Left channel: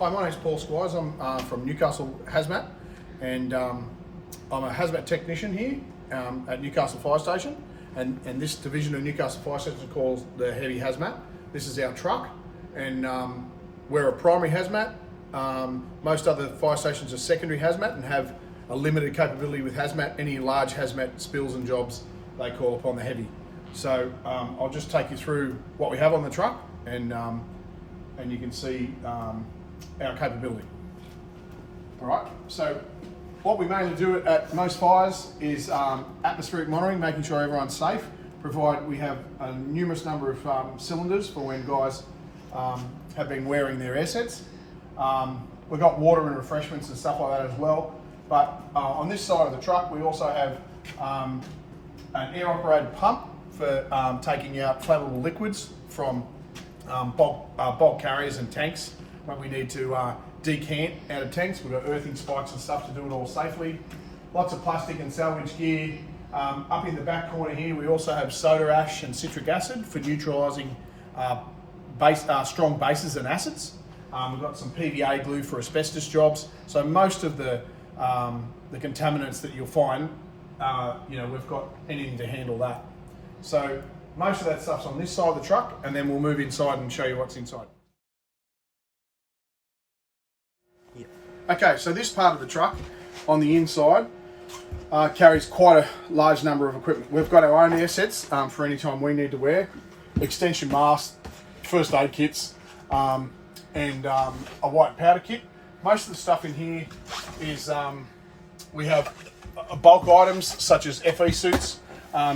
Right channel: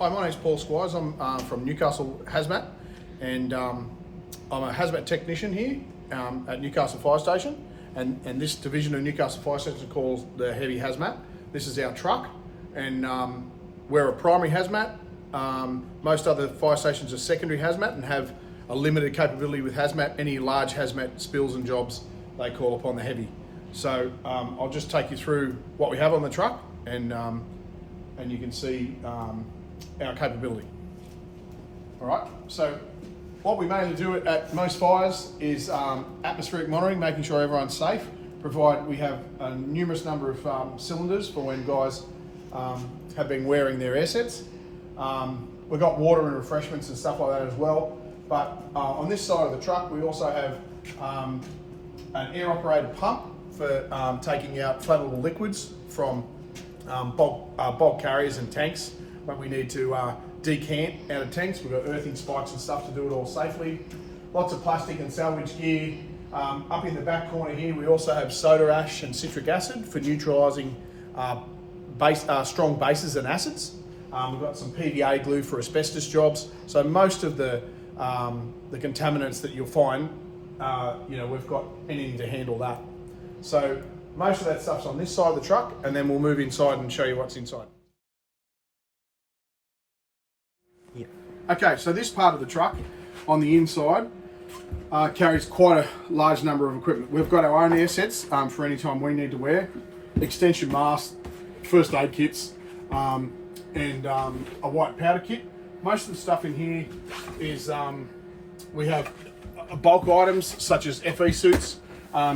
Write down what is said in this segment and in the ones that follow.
Hi, my name's Paul Squires. I'm from Newcastle Hazmat, and I'm a hazmat technician here at Newcastle Fire Station. And this division of Newcastle Fire Station is called the Heavy Hazmat. This is our truck, and we're a primary hazmat. Most other fire stations are secondary hazmat and have a limited capability with hazmat. Any large hazmat spills and jobs, they call upon the heavy. So I'll just take you through what we have on the truck, and you can see our capability. All right, so what we mainly do at most fires is atmospheric monitoring, making sure everyone's safe. We have a numerous number of cylinders for when guys have been wearing their air sets. We've got water and refreshments and stuff like that as well. But on this side of the truck, we also have an air-operated pump for taking out flammable liquids from bulk carriers and tanks when we need to decant out of tanks. We've got earthing spikes and stuff to do it all safely. Lots of plastic and salvage gear. Up in the back corner here, we also have soda ash and citric acid for neutralising strong bases and acids. We've got some PVA glue for asbestos jobs. So most of the contaminants that you'll find, we've got anything to handle that. So most of that stuff's on this side of the truck, and then we'll move inside and show you what's inside. Yep. Okay, so this part of the truck on the inside carries quite a large number of equipment. We've got our own air sets for any time we need to wear, extension masks, first aid kits, and a white powder kit. Most of the stuff in here is we have bulk items such as FE suits,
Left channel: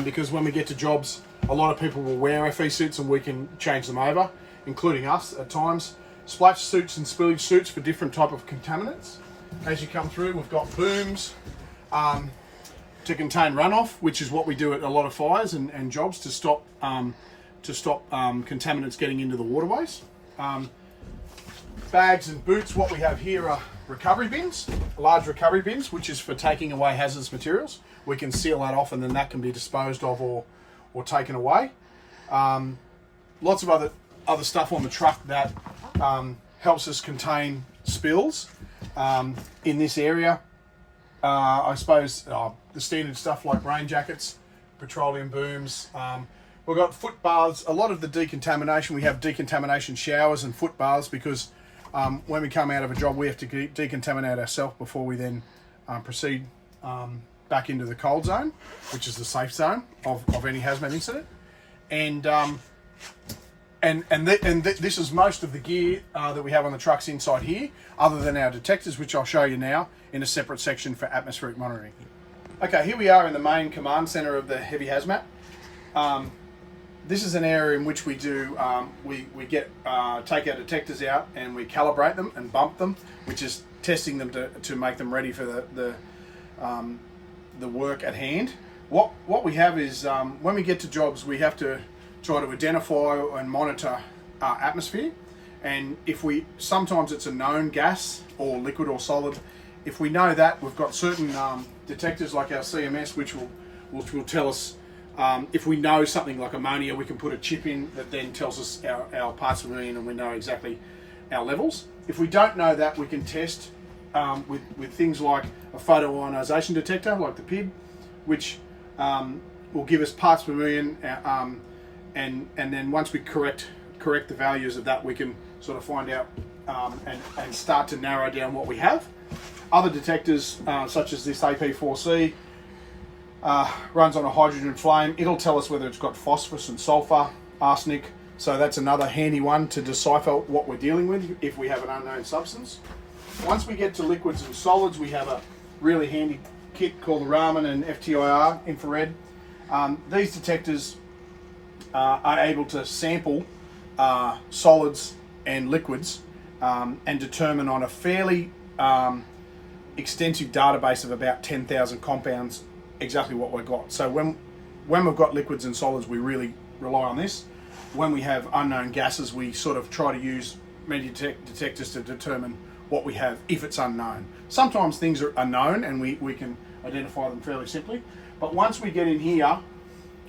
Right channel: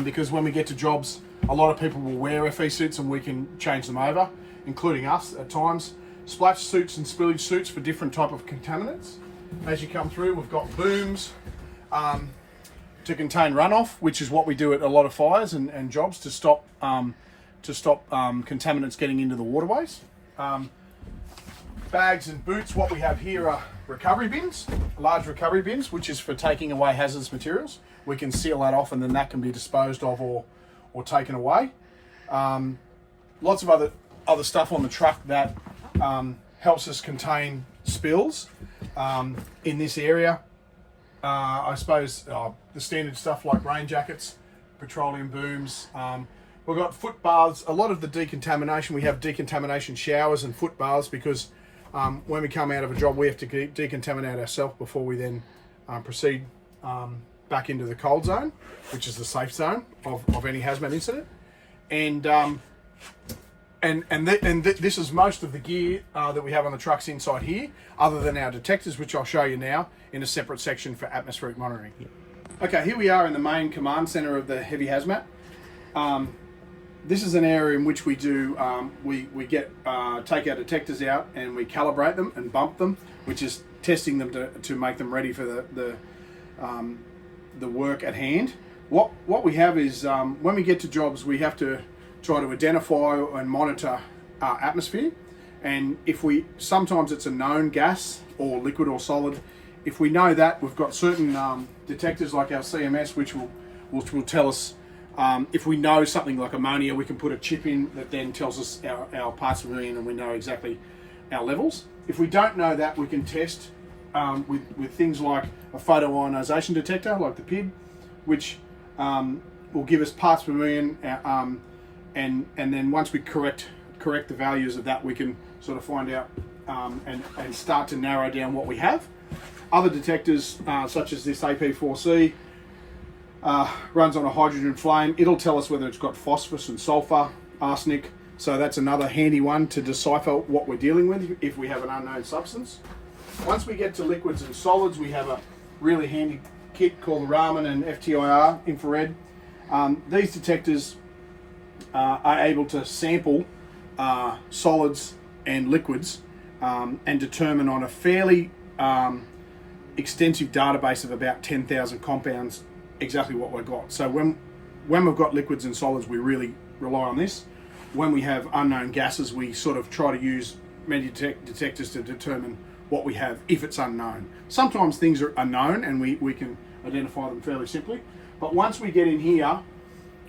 because when we get to jobs, a lot of people will wear FE suits and we can change them over, including us at times. Splash suits and spillage suits for different type of contaminants. As you come through, we've got booms to contain runoff, which is what we do at a lot of fires and jobs to stop contaminants getting into the waterways. Bags and boots. What we have here are recovery bins, large recovery bins, which is for taking away hazardous materials. We can seal that off, and then that can be disposed of or taken away. Lots of other stuff on the truck that helps us contain spills in this area. I suppose the standard stuff like rain jackets, petroleum booms. We've got foot baths. A lot of the decontamination, we have decontamination showers and foot baths because when we come out of a job, we have to decontaminate ourselves before we then proceed back into the cold zone, which is the safe zone of any hazmat incident. This is most of the gear that we have on the trucks inside here, other than our detectors, which I'll show you now in a separate section for atmospheric monitoring. Okay, here we are in the main command center of the Heavy Hazmat. This is an area in which we do, we take our detectors out and we calibrate them and bump them, which is testing them to make them ready for the work at hand. What we have is, when we get to jobs, we have to try to identify and monitor our atmosphere. And sometimes it's a known gas or liquid or solid. If we know that, we've got certain detectors like our CMS, which will tell us, if we know something like ammonia, we can put a chip in that then tells us our parts per million, and we know exactly our levels. If we don't know that, we can test with things like a photoionization detector, like the PID, which will give us parts per million, and then once we correct the values of that, we can sort of find out and start to narrow down what we have. Other detectors, such as this AP4C, runs on a hydrogen flame. It'll tell us whether it's got phosphorus and sulfur, arsenic. So that's another handy one to decipher what we're dealing with if we have an unknown substance. Once we get to liquids and solids, we have a really handy kit called the Raman and FTIR infrared. These detectors are able to sample solids and liquids and determine on a fairly extensive database of about 10,000 compounds exactly what we've got. So when we've got liquids and solids, we really rely on this. When we have unknown gases, we sort of try to use many detectors to determine what we have if it's unknown. Sometimes things are unknown and we can identify them fairly simply. But once we get in here,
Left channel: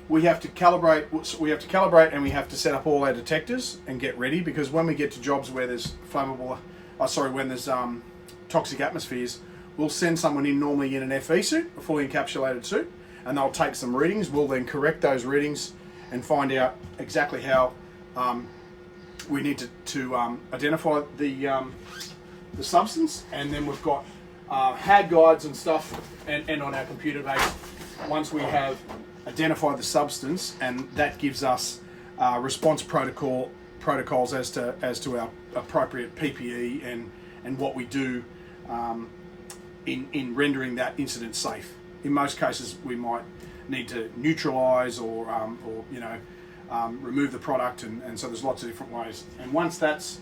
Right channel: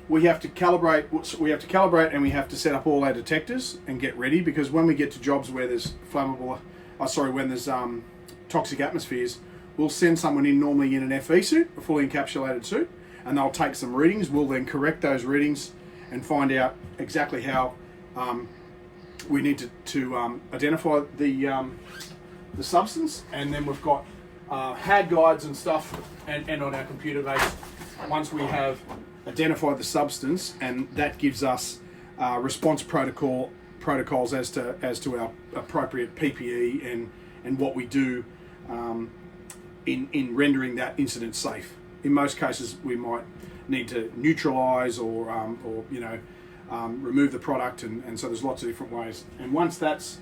we have to calibrate and we have to set up all our detectors and get ready, because when we get to jobs where there's flammable when there's toxic atmospheres, we'll send someone in, normally in an FE suit, a fully encapsulated suit, and they'll take some readings. We'll then correct those readings and find out exactly how we need to identify the substance. And then we've got HAD guides and stuff, and on our computer base, once we have identified the substance, and that gives us response protocols as to our appropriate PPE and what we do in rendering that incident safe. In most cases, we might need to neutralise or remove the product, and so there's lots of different ways. And once that's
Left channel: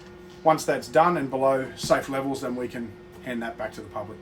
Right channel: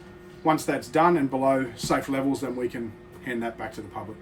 done and below safe levels, then we can hand that back to the public.